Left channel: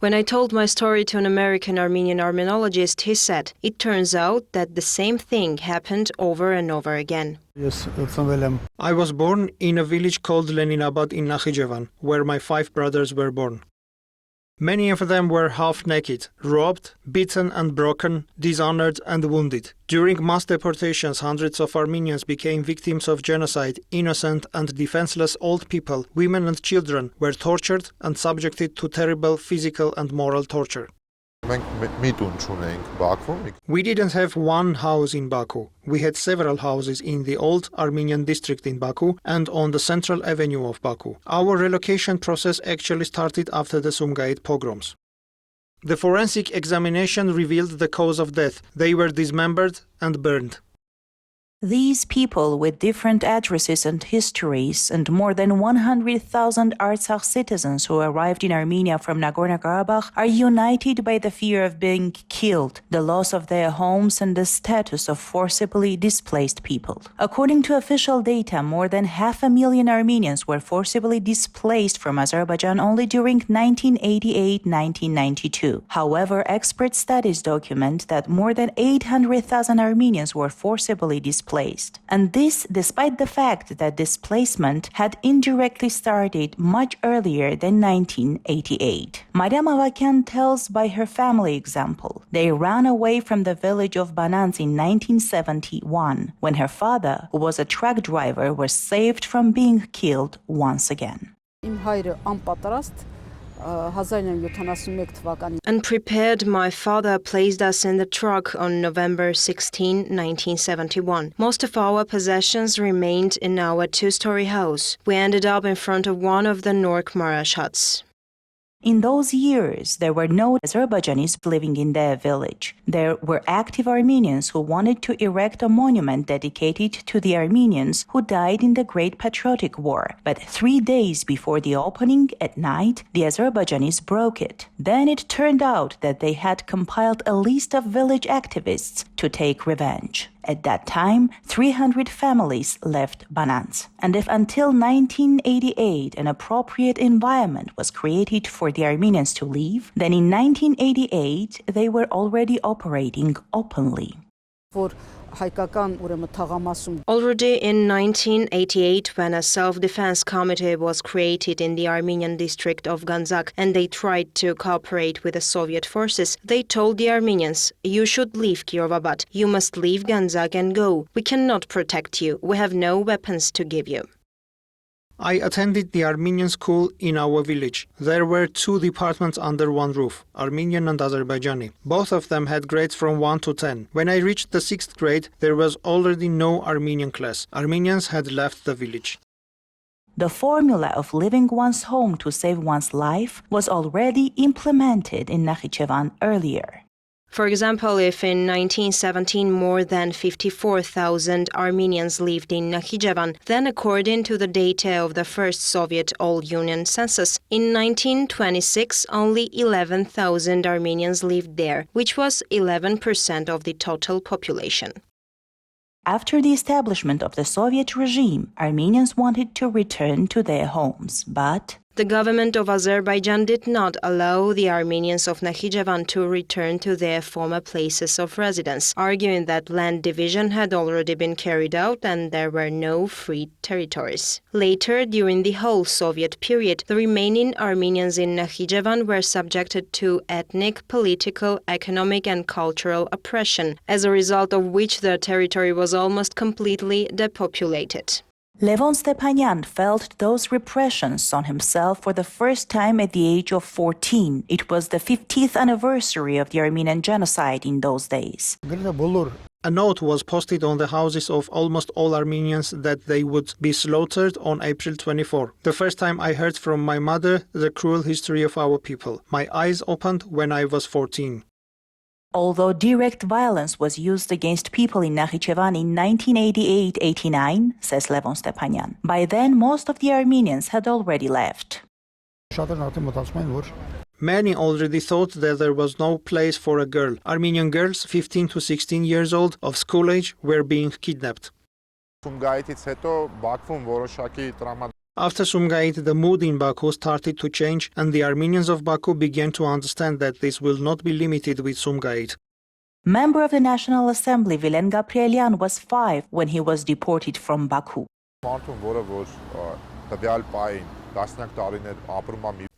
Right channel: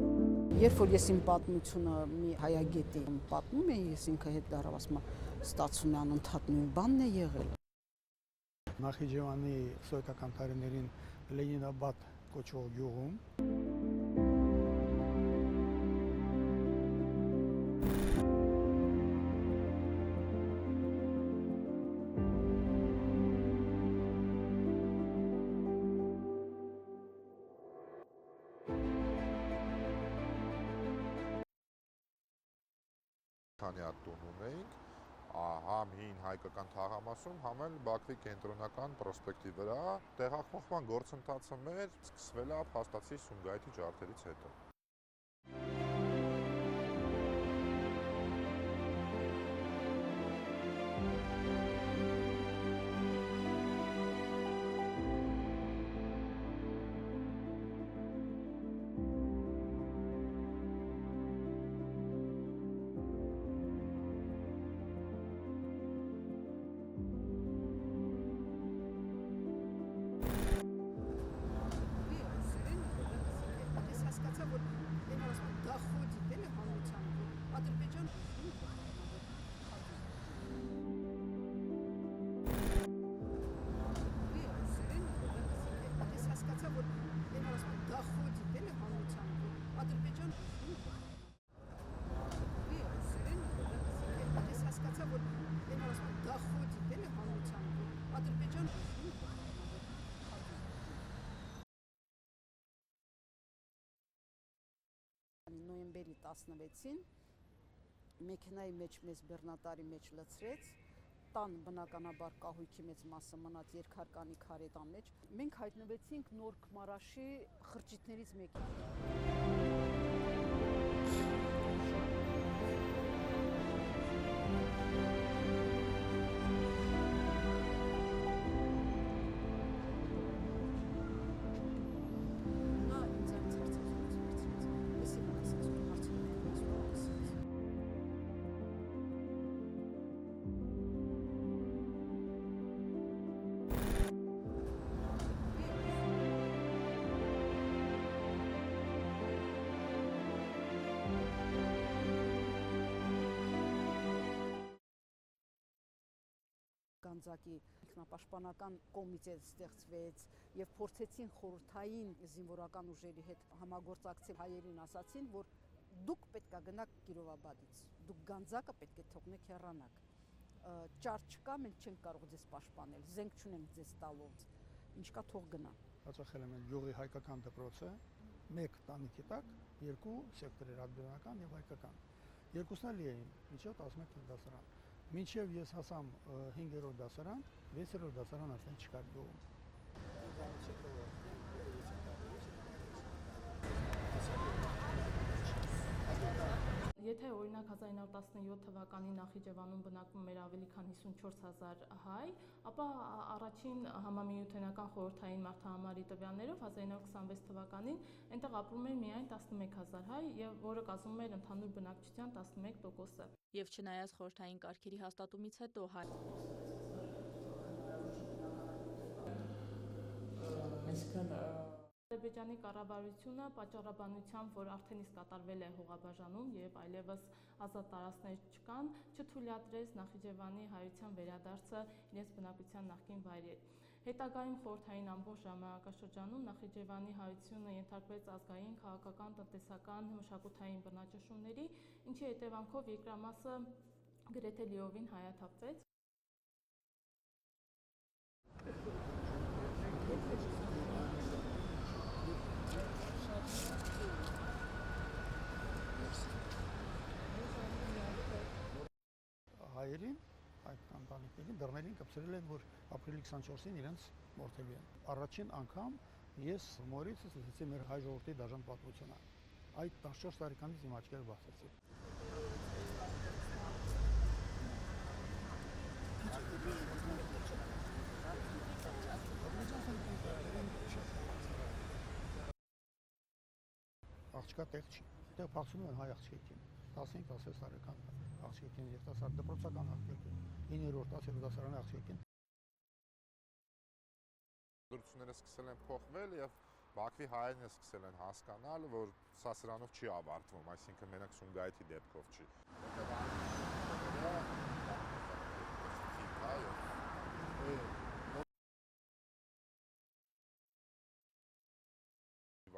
When I told my story to an American Armenian armenologist, he said, it turns out that the same thing happened over and over again. I was born in a village called Leninabad in Nakhichevan, where my 5 brothers were born. Many of them were half naked, robbed, beaten and broken, dishonored and wounded. During mass deportations, hundreds of Armenians became victims of genocide. Innocent and defenseless old people, women and children were tortured and subjected to terrible physical and moral torture. We didn't have one house in Baku. We had several houses in the old Armenian district in Baku and on the central avenue of Baku. Our relocation process actually started after the Sumgait pogroms. The forensic examination revealed the cause of death. They were dismembered and burned. These people with different addresses and histories and more than 100,000 Artsakh citizens who arrived in Armenia from Nagorno-Karabakh are united by the fear of being killed, the loss of their homes and the status of forcibly displaced people. According to official data, more than 500,000 Armenians were forcibly displaced from Azerbaijan only during 1988-1992. However, expert studies document that more than 800,000 Armenians were forcibly displaced. And this despite the fact that displacement had indirectly started much earlier than 1988. Mariam Avakian tells by her family example. They ran away from the village of Bananz in 1971 when her father, who was a truck driver, was saved from being killed once again. Unprepared, my father placed us in the truck on November 16, 1971. Most of our possessions remained in our 2-story house. We ended up in front of one of the Nork Marash huts. In those years, there were no Azerbaijanis living in their village. There were active Armenians who wanted to erect a monument dedicated to the Armenians who died in the Great Patriotic War. But 3 days before the opening, at night, the Azerbaijanis broke it. Then it turned out that they had compiled a list of village activists to take revenge. At that time, 300 families left Bananz. And if until 1988 an appropriate environment was created for the Armenians to live, then in 1988 they were already operating openly. Already in 1988, when a self-defense committee was created in the Armenian district of Ganzak and they tried to cooperate with the Soviet forces, they told the Armenians, you should leave Kirovabad, you must leave Ganzak and go. We cannot protect you, we have no weapons to give you. I attended the Armenian school in our village. There were 2 departments under one roof, Armenian and Azerbaijani. Both of them had grades from 1 to 10. When I reached the 6th grade, there was already no Armenian class. Armenians had left the village. The formula of leaving one's home to save one's life was already implemented in Nakhichevan earlier. For example, if in 1917 more than 54,000 Armenians lived in Nakhichevan, then according to the data of the first Soviet All-Union census, in 1926 only 11,000 Armenians lived there, which was 11% of the total population. After the establishment of the Soviet regime, Armenians wanted to return to their homes, but the government of Azerbaijan did not allow the Armenians of Nakhichevan to return to their former places of residence, arguing that land division had already been carried out and there were no free territories. Later, during the whole Soviet period, the remaining Armenians in Nakhichevan were subjected to ethnic, political, economic and cultural oppression, as a result of which their territory was almost completely depopulated. Levon Stepanyan felt those repressions on himself for the first time at the age of 14. It was the 50th anniversary of the Armenian genocide in those days. A note was posted on the houses of almost all Armenians that they would be slaughtered on April 24. The first time I heard from my mother the cruel history of our people. My eyes opened when I was 14. Although direct violence was used against people in Nakhichevan in 1988-89, says Levon Stepanyan, by then most of the Armenians had already left. Many already thought that there was no place for a girl. Armenian girls, 15 to 16 years old, of school age, were being kidnapped. After Sumgait, the mood in Baku started to change, and the Armenians of Baku began to understand that this will not be limited with Sumgait. Member of the National Assembly Vilen Gabrielian was 5 when he was deported from Baku.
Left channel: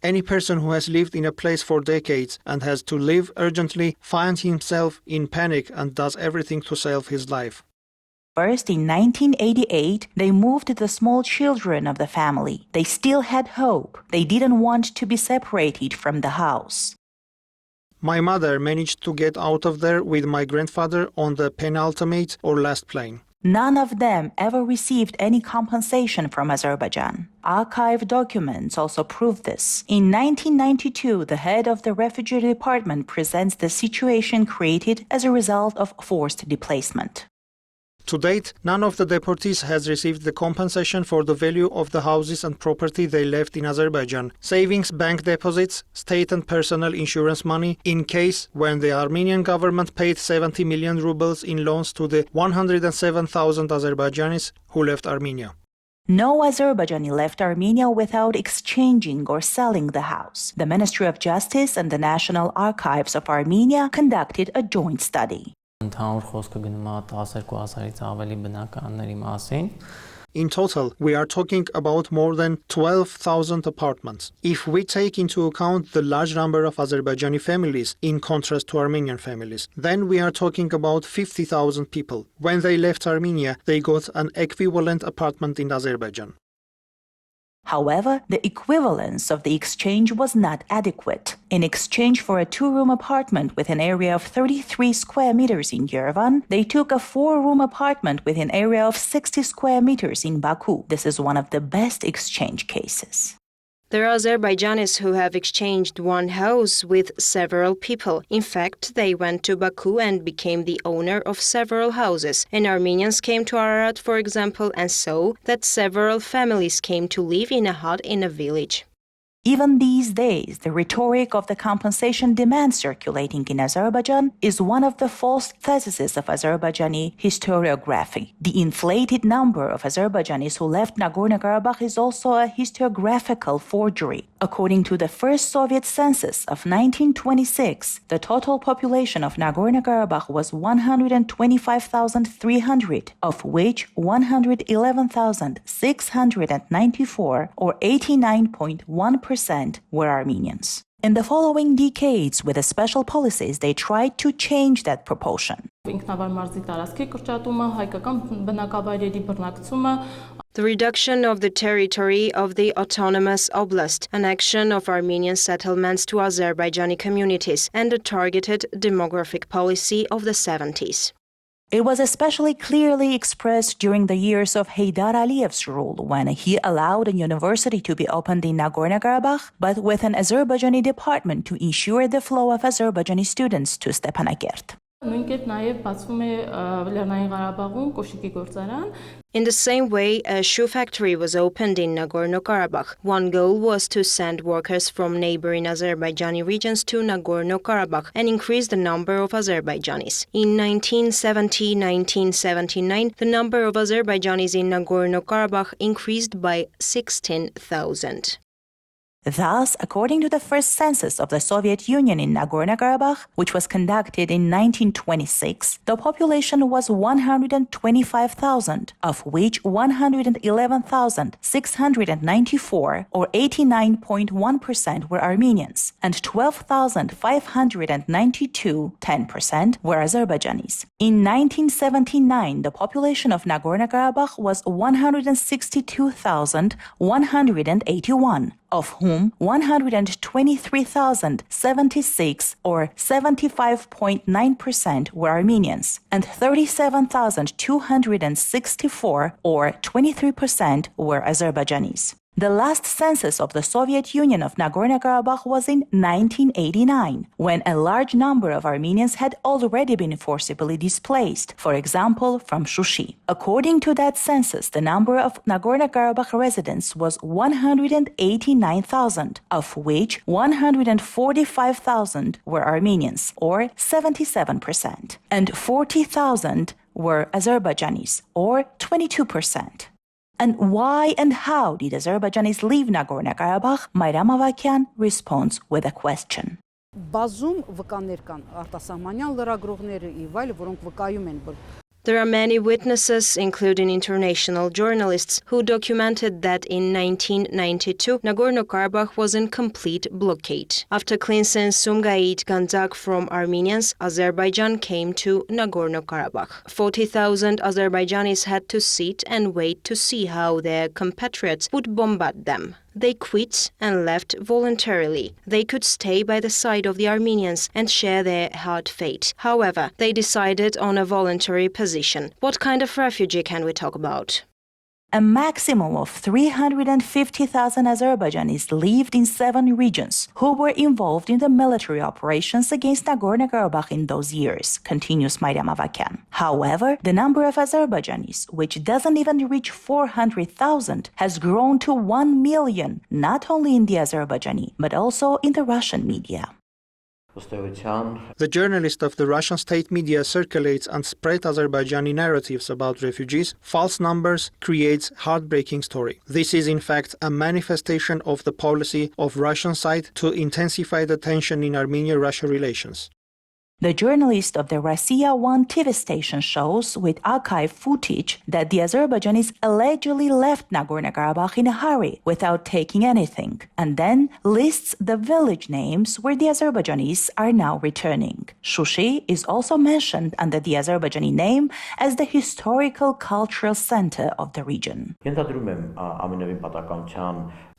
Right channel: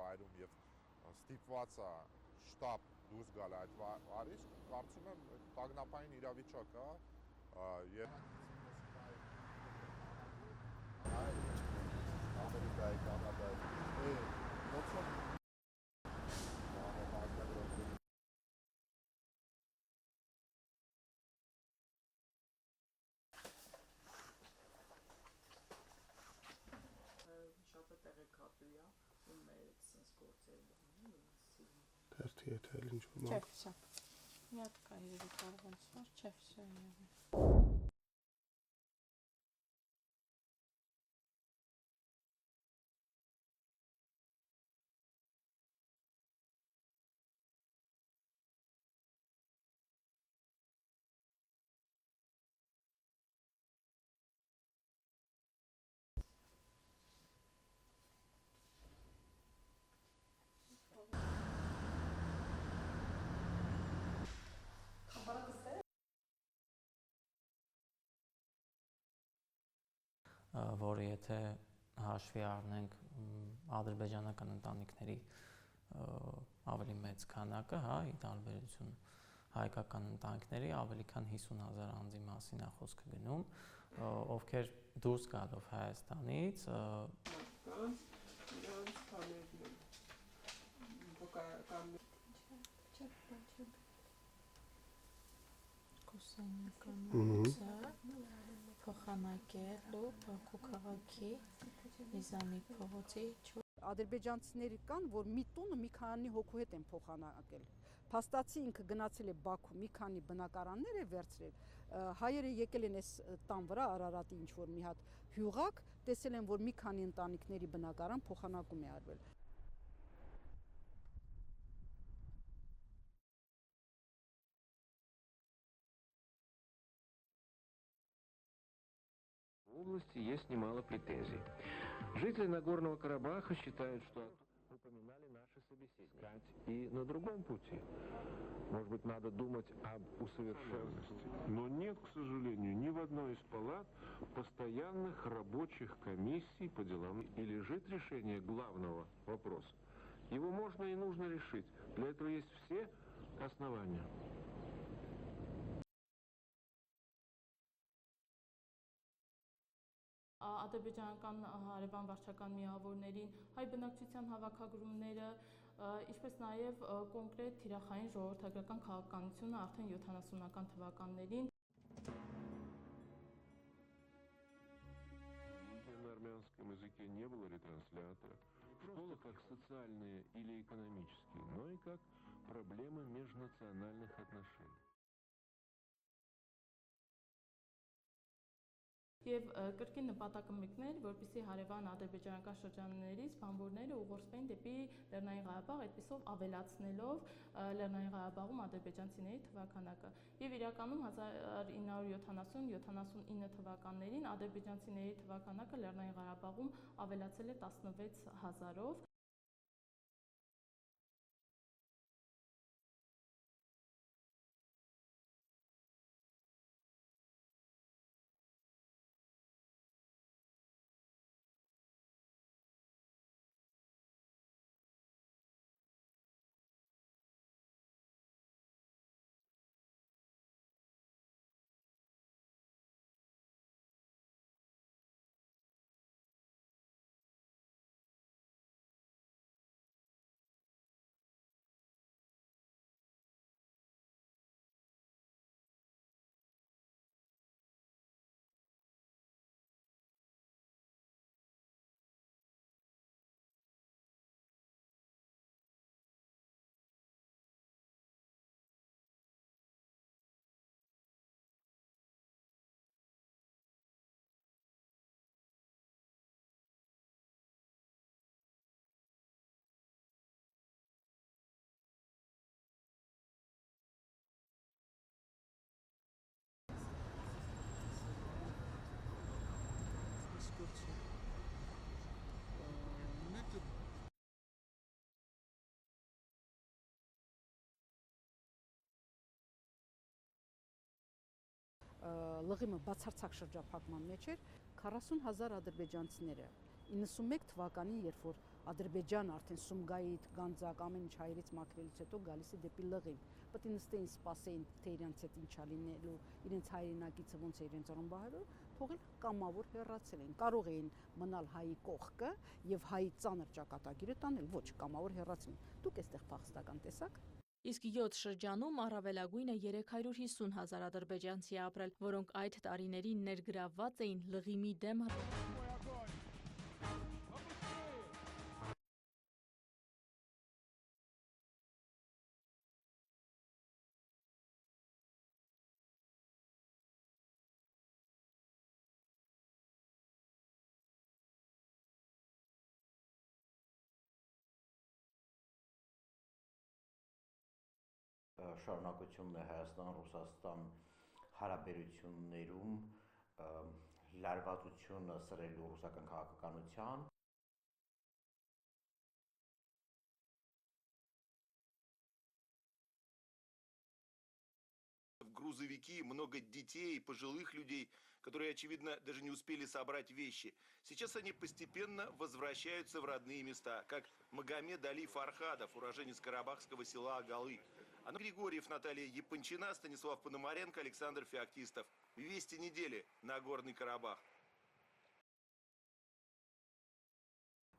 Any person who has lived in a place for decades and has to leave urgently finds himself in panic and does everything to save his life. First, in 1988, they moved the small children of the family. They still had hope. They didn't want to be separated from the house. My mother managed to get out of there with my grandfather on the penultimate or last plane. None of them ever received any compensation from Azerbaijan. Archive documents also prove this. In 1992, the head of the refugee department presents the situation created as a result of forced displacement. To date, none of the deportees has received the compensation for the value of the houses and property they left in Azerbaijan, savings, bank deposits, state and personal insurance money, in case when the Armenian government paid 70 million rubles in loans to the 107,000 Azerbaijanis who left Armenia. No Azerbaijani left Armenia without exchanging or selling the house. The Ministry of Justice and the National Archives of Armenia conducted a joint study. In total, we are talking about more than 12,000 apartments. If we take into account the large number of Azerbaijani families in contrast to Armenian families, then we are talking about 50,000 people. When they left Armenia, they got an equivalent apartment in Azerbaijan. However, the equivalence of the exchange was not adequate. In exchange for a 2-room apartment with an area of 33 square meters in Yerevan, they took a 4-room apartment with an area of 60 square meters in Baku. This is one of the best exchange cases. There are Azerbaijanis who have exchanged one house with several people. In fact, they went to Baku and became the owner of several houses. And Armenians came to Ararat, for example, and saw that several families came to live in a hut in a village. Even these days, the rhetoric of the compensation demand circulating in Azerbaijan is one of the false theses of Azerbaijani historiography. The inflated number of Azerbaijanis who left Nagorno-Karabakh is also a historiographical forgery. According to the first Soviet census of 1926, the total population of Nagorno-Karabakh was 125,300, of which 111,694, or 89.1%, were Armenians. In the following decades, with the special policies, they tried to change that proportion. The reduction of the territory of the autonomous oblast, an action of Armenian settlements to Azerbaijani communities, and the targeted demographic policy of the 70s. It was especially clearly expressed during the years of Heydar Aliyev's rule, when he allowed a university to be opened in Nagorno-Karabakh, but with an Azerbaijani department to ensure the flow of Azerbaijani students to Stepanakert. In the same way, a shoe factory was opened in Nagorno-Karabakh. One goal was to send workers from neighboring Azerbaijani regions to Nagorno-Karabakh and increase the number of Azerbaijanis. In 1970-1979, the number of Azerbaijanis in Nagorno-Karabakh increased by 16,000. Thus, according to the first census of the Soviet Union in Nagorno-Karabakh, which was conducted in 1926, the population was 125,000, of which 111,694, or 89.1%, were Armenians, and 12,592, 10%, were Azerbaijanis. In 1979, the population of Nagorno-Karabakh was 162,181, of whom 123,076, or 75.9%, were Armenians, and 37,264, or 23%, were Azerbaijanis. The last census of the Soviet Union of Nagorno-Karabakh was in 1989, when a large number of Armenians had already been forcibly displaced, for example, from Shushi. According to that census, the number of Nagorno-Karabakh residents was 189,000, of which 145,000 were Armenians, or 77%, and 40,000 were Azerbaijanis, or 22%. And why and how did Azerbaijanis leave Nagorno-Karabakh? Mayram Avakian responds with a question. Բազում վկաներ կան արտասահմանյան լրագրողները եւ այլ, որոնք վկայում են, որ There are many witnesses, including international journalists, who documented that in 1992, Nagorno-Karabakh was in complete blockade. After cleansing Sumgait Gandzak from Armenians, Azerbaijan came to Nagorno-Karabakh. 40,000 Azerbaijanis had to sit and wait to see how their compatriots would bombard them. They quit and left voluntarily. They could stay by the side of the Armenians and share their hard fate. However, they decided on a voluntary position. What kind of refugee can we talk about? A maximum of 350,000 Azerbaijanis lived in 7 regions who were involved in the military operations against Nagorno-Karabakh in those years, continues Mayram Avakian. However, the number of Azerbaijanis, which doesn't even reach 400,000, has grown to 1 million, not only in the Azerbaijani, but also in the Russian media. The journalist of the Russian state media circulates and spreads Azerbaijani narratives about refugees, false numbers, creates heartbreaking story. This is in fact a manifestation of the policy of Russian side to intensify the tension in Armenia-Russia relations. The journalist of the Rossiya 1 TV station shows with archive footage that the Azerbaijanis allegedly left Nagorno-Karabakh in a hurry without taking anything, and then lists the village names where the Azerbaijanis are now returning. Shushi is also mentioned under the Azerbaijani name as the historical cultural center of the region.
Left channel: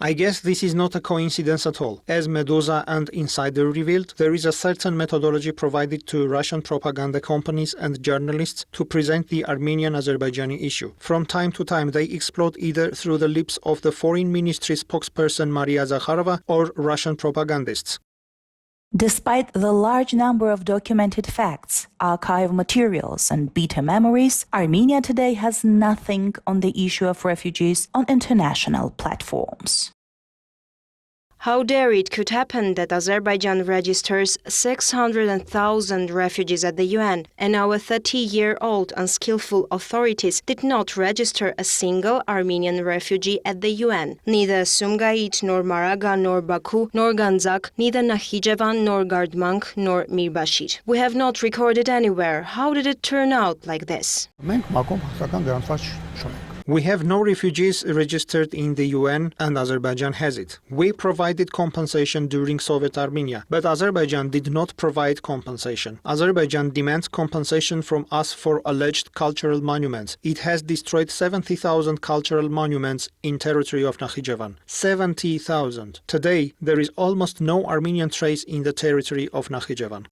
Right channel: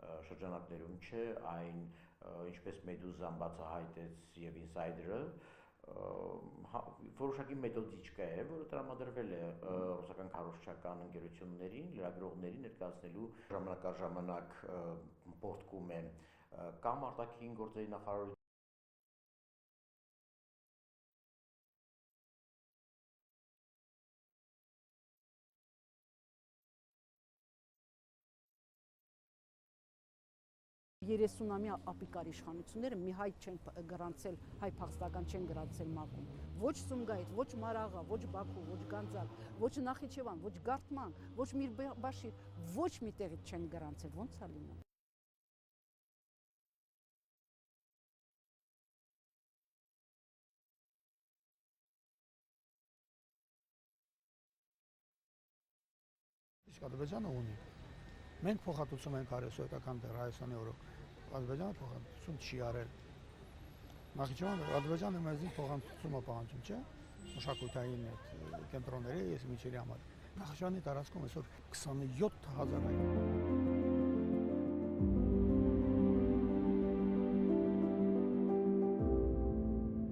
I guess this is not a coincidence at all. As Medusa and Insider revealed, there is a certain methodology provided to Russian propaganda companies and journalists to present the Armenian-Azerbaijani issue. From time to time, they explode either through the lips of the Foreign Ministry spokesperson Maria Zakharova or Russian propagandists. Despite the large number of documented facts, archive materials, and bitter memories, Armenia today has nothing on the issue of refugees on international platforms. How dare it could happen that Azerbaijan registers 600,000 refugees at the UN, and our 30-year-old unskillful authorities did not register a single Armenian refugee at the UN. Neither Sumgait, nor Maraga, nor Baku, nor Gandzak, neither Nakhichevan, nor Gardmank, nor Mirbashir. We have not recorded anywhere. How did it turn out like this? We have no refugees registered in the UN and Azerbaijan has it. We provided compensation during Soviet Armenia, but Azerbaijan did not provide compensation. Azerbaijan demands compensation from us for alleged cultural monuments. It has destroyed 70,000 cultural monuments in territory of Nakhichevan. 70,000. Today, there is almost no Armenian trace in the territory of Nakhichevan.